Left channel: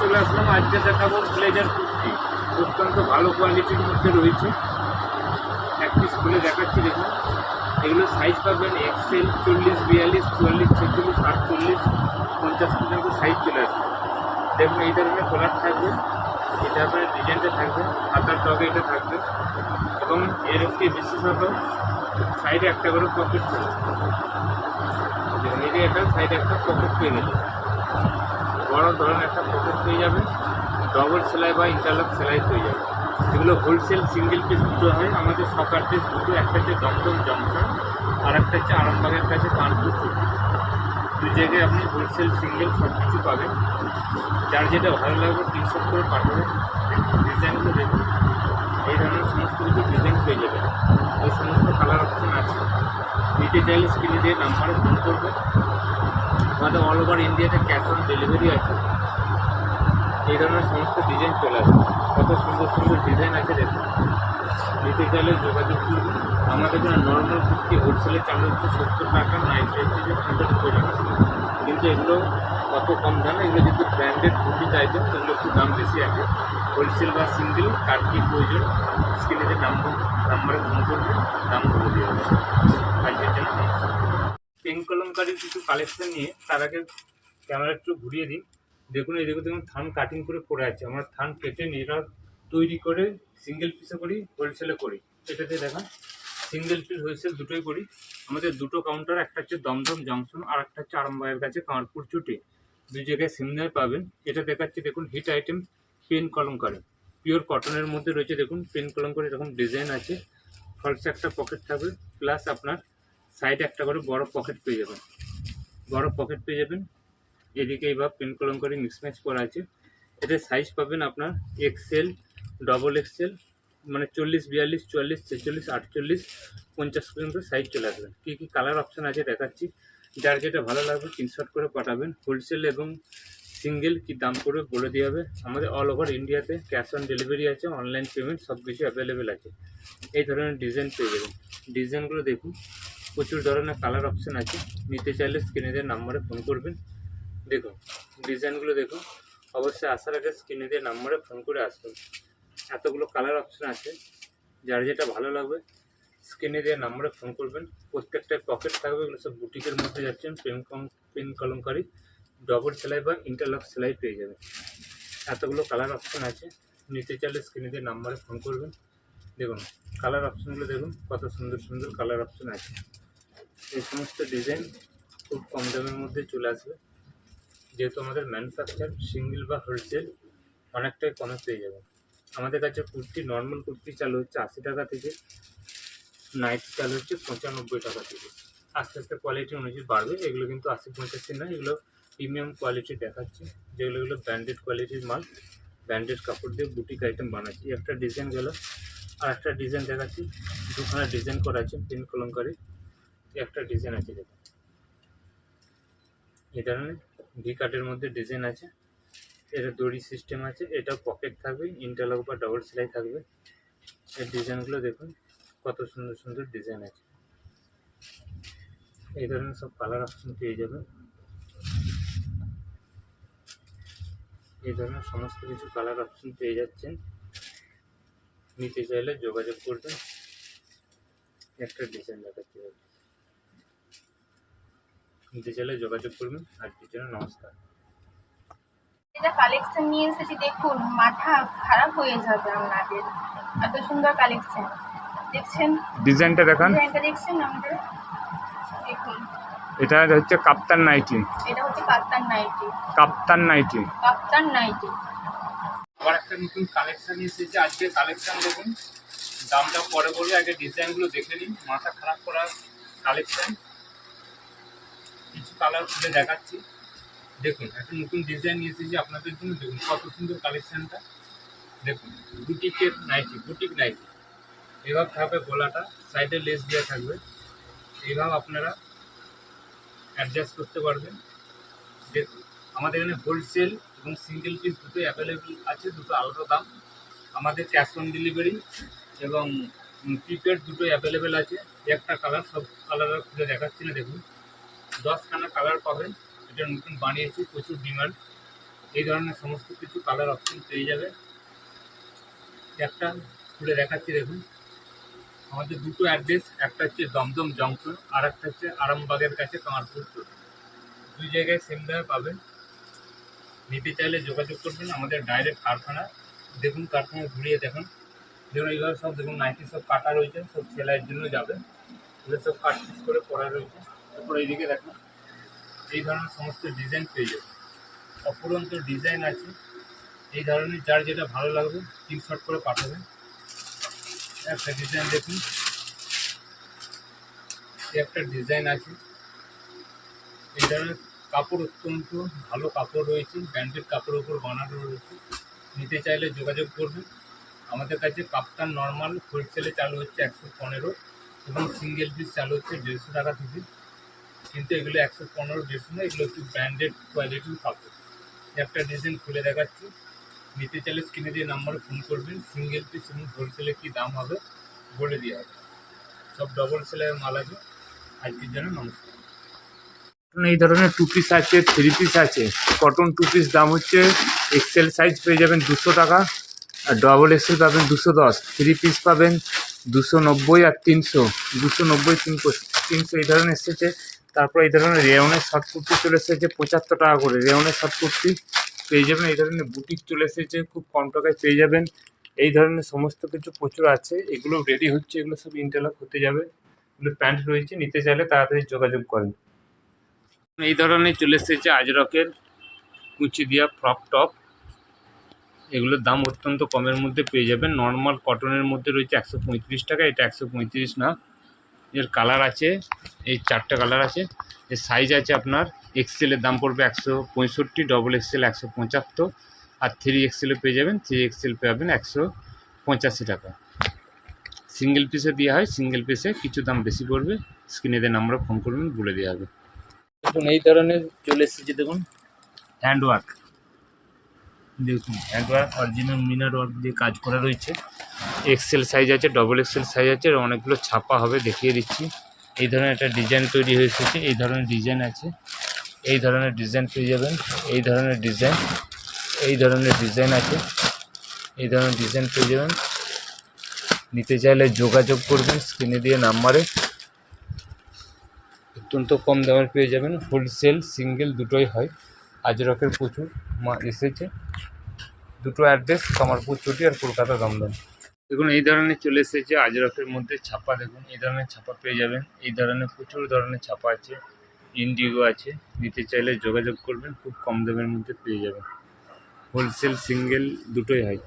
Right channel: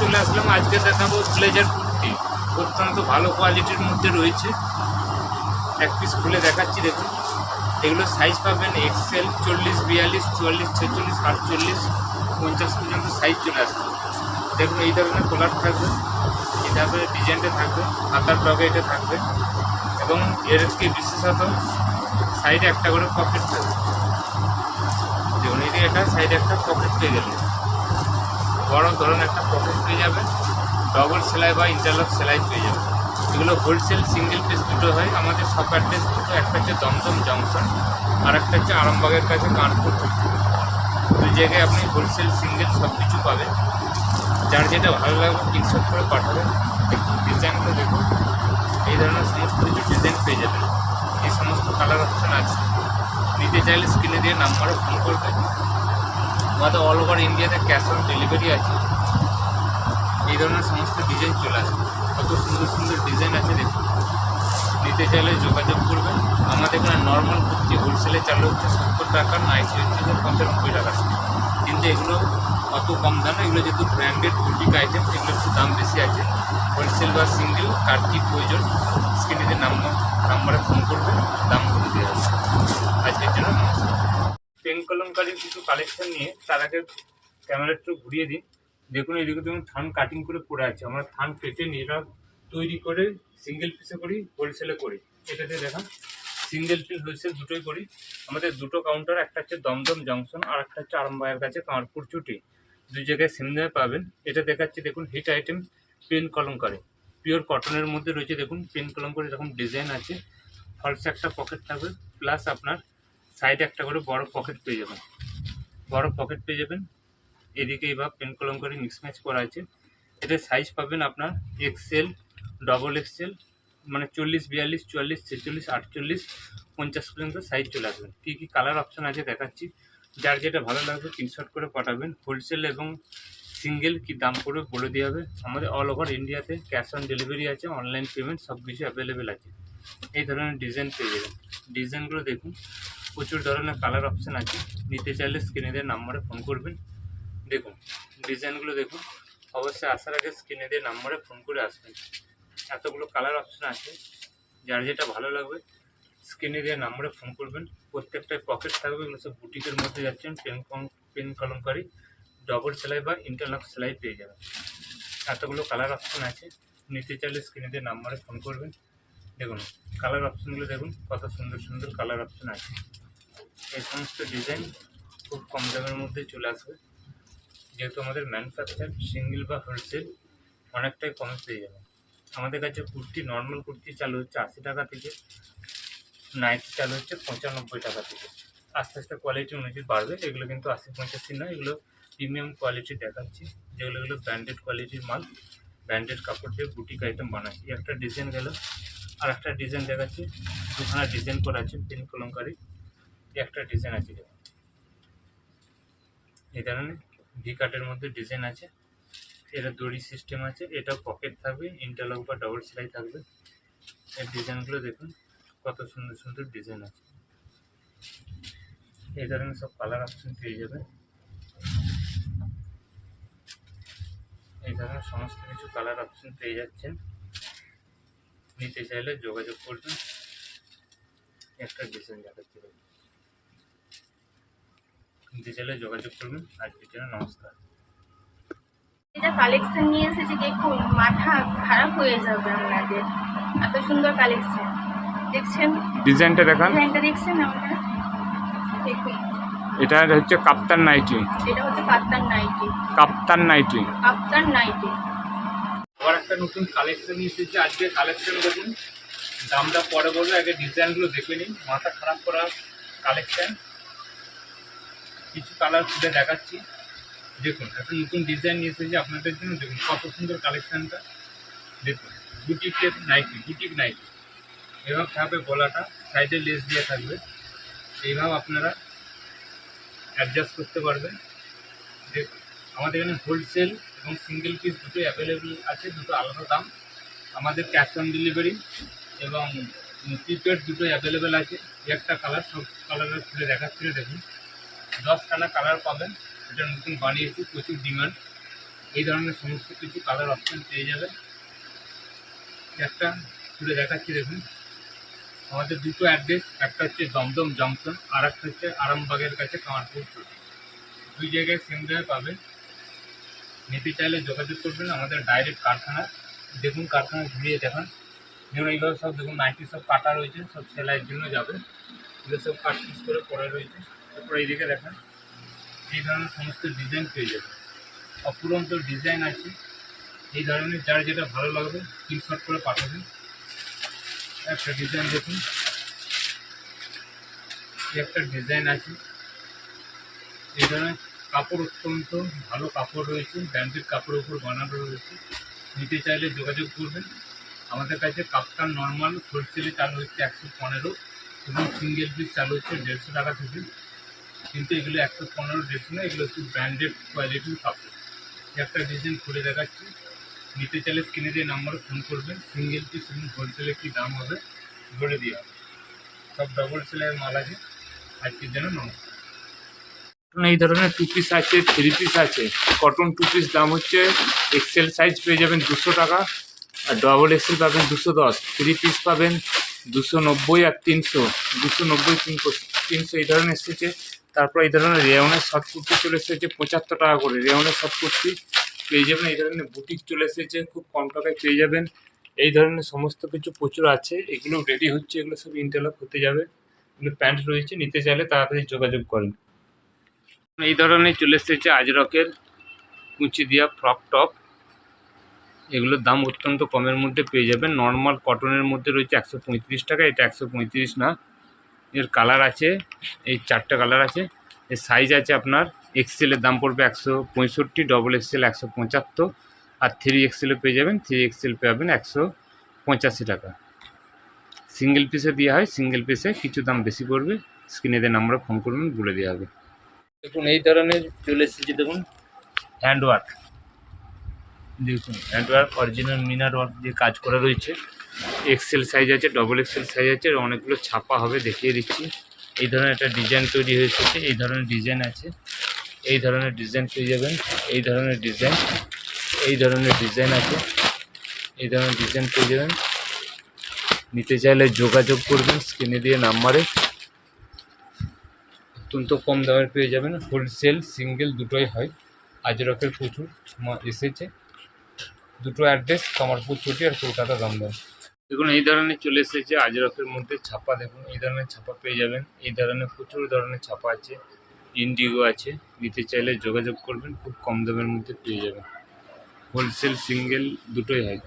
চলে আসলাম। আজকে দেখাবো ব্লেজার কুর্তি, অত্যন্ত ভালো কোয়ালিটির মধ্যে রয়েছে। এক পিস খুলে দেখাচ্ছি, দেখুন। এগুলো সাইজ পাবেন এক্সেল, 40, 42, 44, 46, 48, 50 পর্যন্ত সাইজ চলে আসবে। দেখুন এই ধরনের কলার থাকবে, এই ধরনের ডিজাইনটা থাকবে, হাতার ডগে এটা থাকবে এবং এর কি বিশেষত সাইডে একটা করে পকেট থাকবে। দেখুন এদিকে একটা সাইডে একটা পকেট পেয়ে গেলে বড় ধরনের একটা পকেট পেয়ে যাবে, ডবল সেলাই বা ইন্টারলক সেলাই পেয়ে যাবে। এগুলো হোলসেল সিঙ্গেল পিস দুটো হয়, আমাদের শপ অ্যাড্রেস দুটো, একটা হচ্ছে দমদম জংশন আর একটা হচ্ছে আরামবাগের কাছে কানপুর। দুই জায়গায় আপনি হোলসেল সিঙ্গেল সব কিছু পাবেন। যার যেটা ভালো লাগবে স্ক্রিনশট করে পাঠাবেন। দেখুন ডিজাইনগুলো দেখুন, এই ধরনের সমস্ত কিছু ডিজাইন পেয়ে যাবেন। এই সমস্ত কালার অপশন আছে। নিতে চাইলে স্ক্রিনে দিয়ে নাম্বারে ফোন করবে। আমাদের অল ওভার ইন্ডিয়াতে ক্যাশ অন ডেলিভারি আছে। এই ধরনের সমস্ত ডিজাইন চলে আসবে। কত সুন্দর সুন্দর ডিজাইন আছে দেখুন। নিতে চাইলে যোগাযোগ করবেন। আমাদের এখানে নর্মাল কুর্তি হোলসেলে চালু হচ্ছে 70 টাকা, নাইটি হচ্ছে যে 95 টাকা। কিন্তু এগুলো কত কম দাম, এগুলো যেহেতু ব্র্যান্ডেড বুটিক আইটেম, এগুলো একটু দাম বেশি আছে। হোলসেল বা সিঙ্গেল কার কী প্রয়োজন স্ক্রিনে নাম্বারে ফোন করবেন, দামগুলো দেওয়া হবে। আজকের জন্য নমস্কার। পেন কলমকারী কিছু কালেকশন নিয়ে তার আগে ক্যামেরা একটু ঘুরিয়ে দিই। দেখুন এইদিকে দেখুন থান কাটিং করে পড়ে আছে। আমরা থান কেটে নিজেরা তৈরি করে সিঙ্গেল পিসে করি, হোলসেলে করি। এটাতে দেখা সিঙ্গেল পিস হোলসেল দুটোই করি। আমাদের দুটো কাউন্টার, একটা হচ্ছে দমদম জংশন আর একটা হচ্ছে আরামবাগের কাছে কামারপুর চুটি। দুই জায়গায় সিমনায় পাবেন। এটা দেখাচ্ছি দেখুন hit item pen Kalamkari, pure কটনের মধ্যে রয়েছে। দেখুন পেন কলমকারী দেখুন ডিজাইন আছে, ফলসে একটা পকেট থাকবে, প্লাস আপনার সাইডে একটা করে বড় পকেট পেয়ে যাবেন। বড় পকেট পেয়ে যাবেন। এদিকে এবার পেন কলমকারী মিক্স ম্যাচ করা আছে। এদের সাইজ পাবেন আপনার এক্সেল, ডবল এক্সেল, মানে 40, 42, 44, 46, 48, 50 পর্যন্ত সাইজ চলে আসবেন। কী কী কালার অপশান আছে দেখাচ্ছি। যার যেটা ভালো লাগবে স্ক্রিনশট করে পাঠাবেন। হোলসেল এবং সিঙ্গেল কী দাম পড়বে বলে দেওয়া হবে। আমাদের অল ওভার ইন্ডিয়াতে ক্যাশ অন ডেলিভারি আছে, অনলাইন পেমেন্ট সব কিছু অ্যাভেলেবেল আছে। এই ধরনের ডিজাইন পেয়ে যাবেন। ডিজাইনগুলো দেখুন, প্রচুর ধরনের কালার অপশান আছে। নিতে চাইলে স্ক্রিনে দিয়ে নাম্বারে ফোন করবেন। দেখুন ডিজাইনগুলো দেখুন। অবশ্যই আসার আগে স্ক্রিনে দিয়ে নাম্বারে ফোন করে আসবেন। এতগুলো কালার অপশান আছে, যার যেটা ভালো লাগবে স্ক্রিনে দিয়ে নাম্বারে ফোন করবেন। প্রত্যেকটায় পকেট থাকবে। এগুলো সব বুটিকের মধ্যে যাচ্ছেন। পেন কলমকারী ডবল সেলাই বা ইন্টারলক সেলাই পেয়ে যাবেন। এতগুলো কালার অপশান আছে। নিতে চাইলে স্ক্রিনে দিয়ে নাম্বারে ফোন করবেন। দেখুন কালার অপশানগুলো দেখুন, কত সুন্দর সুন্দর কালার অপশান আছে। এই সমস্ত ডিজাইন খুব কম দামের মধ্যে চলে আসবে। যেহেতু আমাদের ম্যানুফ্যাকচার সিঙ্গেল বা হোলসেল অনেকটাই কমে পেয়ে যাবে। আমাদের কাছে কুর্তি, নর্মাল কুর্তি চালু হচ্ছে 80 টাকা থেকে, নাইটি চালু হচ্ছে 95 টাকা থেকে। আস্তে আস্তে কোয়ালিটি অনুযায়ী বাড়বে। এগুলো কিন্তু 80-85 না, এগুলো প্রিমিয়াম কোয়ালিটি দেখাচ্ছি। যেগুলো ব্র্যান্ডেড কোয়ালিটির মাল, ব্র্যান্ডেড কাপড় দিয়ে বুটিক আইটেম বানাচ্ছি। একটা ডিজাইন গেল, আর একটা ডিজাইন দেখাচ্ছি। দুখানা ডিজাইন করা আছে পেন কলমকারী। একটা ডিজাইন আছে এই ধরনের ভি কাটের মধ্যে ডিজাইন আছে। এটা দড়ি সিস্টেম আছে, এটা পকেট থাকবে, ইন্টারলক বা ডবল সেলাই থাকবে। এই ডিজাইনগুলো দেখুন, কত সুন্দর সুন্দর ডিজাইন আছে। এই ধরনের সব কালার অপশন পেয়ে যাবেন। এই ধরনের সমস্ত কিছু কালার অপশন পেয়ে যাচ্ছেন। নিতে চাইলে যোগাযোগ করবেন। একটা ডিজাইন দেখাচ্ছি, নিতে চাইলে যোগাযোগ করবেন। আজকের জন্য নমস্কার। এটা কালেকশন নিয়ে এসেছি, দেখুন মাথা খারাপ হয়ে যাবে আপনাদের। এত সুন্দর কালেকশন দেখছেন, ডিজাইনটা দেখান। ডিজাইনটা দেখছেন আপনারা, দেখুন। এটা হচ্ছে কাপ্তান নাইটি। এটা হচ্ছে কাপ্তান নাইটি। কাপ্তান নাইটি। কাপ্তান নাইটি। আবার একটা নতুন কালেকশন এসেছে। আজকে কালেকশন দেখুন, দামটা পরে বলবো, আগে ডিজাইনগুলো দেখে নিন। মাথা খারাপ করার কালেকশন, কিছু কালার খুলে দেখাচ্ছি। দেখুন একটা নতুন ডিজাইন নিয়ে এসেছি আপনাদের জন্য। দেখুন কত সুন্দর কালেকশনটা। দেখুন বুটিকের নাইটি, বুটিক নাইটি। এভাবে থাকবে গলাটা, সাইডে লেস দেওয়া থাকবে। এইভাবে আপনারা অ্যাডজাস্ট করতে পারবেন। দেখুন আমাদের এখানে হোলসেল এবং সিঙ্গেল পিস দুটোই অ্যাভেলেবেল আছে, দুটো আলাদা দাম। আমাদের ক্যাশ অন ডেলিভারি এবং প্রিপেড দুটোই অ্যাভেলেবেল আছে। একটা কালার, সব কালার খুলে দেখাচ্ছি না। দেখুন 10খানা কালার পাবেন। এটা নতুন বানিয়েছি, প্রচুর ডিমান্ড। এই ধরনের সমস্ত কিছু কালার অপশন পেয়ে যাবে। একটা খুলে দেখাচ্ছি দেখুন, আমাদের দুটো অ্যাড্রেস, একটা হচ্ছে দমদম জংশন আর একটা হচ্ছে আরামবাগের কাছে কামারপুর রোড। দুই জায়গায় সেম দামে পাবেন। নিতে চাইলে যোগাযোগ করবেন আমাদের ডাইরেক্ট কারখানা। দেখুন কারখানা ঘুরিয়ে দেখান, যেমন এইভাবে সব দেখুন নাইটি সব কাটা রয়েছে, সব সেলাইয়ের জন্য যাবে, এগুলো সব কাট পিস করে পড়া রয়েছে। তারপর এইদিকে দেখেন এই ধরনের সমস্ত ডিজাইন পেয়ে যাবে, অপুরন্ত ডিজাইন আছে। এই ধরনের যার যেটা ভালো লাগবে স্ক্রিনশট করে পাঠাবেন। একটা ডিজাইন দেখুন, একটা ডিজাইন আছে। এই ধরনের কাপড় অত্যন্ত ভালো কাপড় রয়েছে, ব্র্যান্ডেড কাপড়ের উপর বানানো রয়েছে। নিতে চাইলে যোগাযোগ করবেন আমাদের কাছে। কাপ্তান নর্মাল হোলসেলে চালু হচ্ছে 115 এবং সিঙ্গেল পিস চালু হচ্ছে 150 টাকা থেকে। কিন্তু এগুলো 115 150 না, এগুলো একটু ব্র্যান্ডেড কোয়ালিটির কাপড়। একটা ডিজাইন খুলে দেখাচ্ছি, নিতে চাইলে স্ক্রিনে দিয়ে নাম্বারে ফোন করবেন। সিঙ্গেল পিস এবং হোলসেলে কী দাম হবে বলে দেওয়া হবে। সব ডবল সেলাইয়ের মাল আছে। আজকের জন্য নমস্কার। এই ধরনের 2 পিস আছে, 3 পিস আছে। কটন 2 পিস দাম হচ্ছে এক্সেল সাইজ পেয়ে যাবেন 200 টাকা, আর ডবল এক্সেল পাবেন 210, 3 পিস পাবেন 290 আর 300, 290 300 এই ধরনের এসেছে। তারপর এই ধরনের রেওনের শর্ট কুর্তি চলে এসেছে 75 টাকা করে, রেওনের শর্ট কুর্তি পেয়ে যাবেন। এই ধরনের বুটিক চলে এসেছে, খুব কম টাকায় পেয়ে যাবেন। এই ধরনের সমস্ত কিছু প্রচুর আছে, এগুলো রেডি হচ্ছে, এগুলো সব ইন্টারলক হতে যাবে। এগুলো প্যান্ট রয়েছে, নিতে চাইলে তাড়াতাড়ি যোগাযোগ করেন। এই ধরনের চলে এসেছে আজরকের কুচি দিয়া ফ্রক টপ, এগুলোর দাম অত্যন্ত কমের মধ্যে পেয়ে যাবেন। নর্মাল কটনের মধ্যে রয়েছে 135 টাকা, এটা 135 না। এর কালার আছে, এই 4টে কালার আছে। এর সাইজ আছে আপনার এক্সেলের দাম পড়বে 165, ডবল এক্সেল 175, আর 3 এক্সেলে পেয়ে যাবেন, 3 এক্সেল পাবেন 185 টাকা। সিঙ্গেল পিসে দেওয়া হয়, সিঙ্গেল পিসে কিছু দাম বেশি পড়বে। স্ক্রিনে দিয়ে নাম্বারে ফোন করবেন, বলে দেওয়া হবে। দেখুন এই ধরনের চলে এসেছে, দেখুন হ্যান্ডওয়ার্ক, দেখুন হ্যান্ডওয়ার্ক অরিজিনাল মিনার ওয়ার্ক দিয়ে কাজ করা রয়েছে। এক্সেল সাইজ আছে, ডবল এক্সেল সাইজ আছে, অনেকগুলো ছাপা হবে, দেখিয়ে দিচ্ছি। এই ধরনের একটা ডিজাইন তৈরি হয়ে এসেছে, এই ধরনের ডিজাইন আছে, এই ধরনের ডিজাইন পেয়ে যাবেন। এই ধরনের ডিজাইন, এই ধরনের ডিজাইন আছে, এই ধরনের ডিজাইন পেয়ে যাবেন। নিতে চাইলে যোগাযোগ করবেন স্ক্রিনে দিয়ে নাম্বারে। অত্যন্ত কম দামে পেয়ে যাবেন, হোলসেল সিঙ্গেল দুটোই হয়। আজরকের প্রচুর এসেছে, দুটো অ্যাড্রেস কামারপুর চটি আর কলকাতা দমদম। দেখুন এই ধরনের চলে এসেছে আজরকের মধ্যে ছাপা, দেখুন এই ধরনের ছাপা পেয়ে যাবেন। এই ধরনের প্রচুর ধরনের ছাপা আছে, ইন্ডিগো আছে। নিতে চাইলে যোগাযোগ করবেন, খুব কম দামের মধ্যে পেয়ে যাবেন। হোলসেল সিঙ্গেল দুটোই হয়।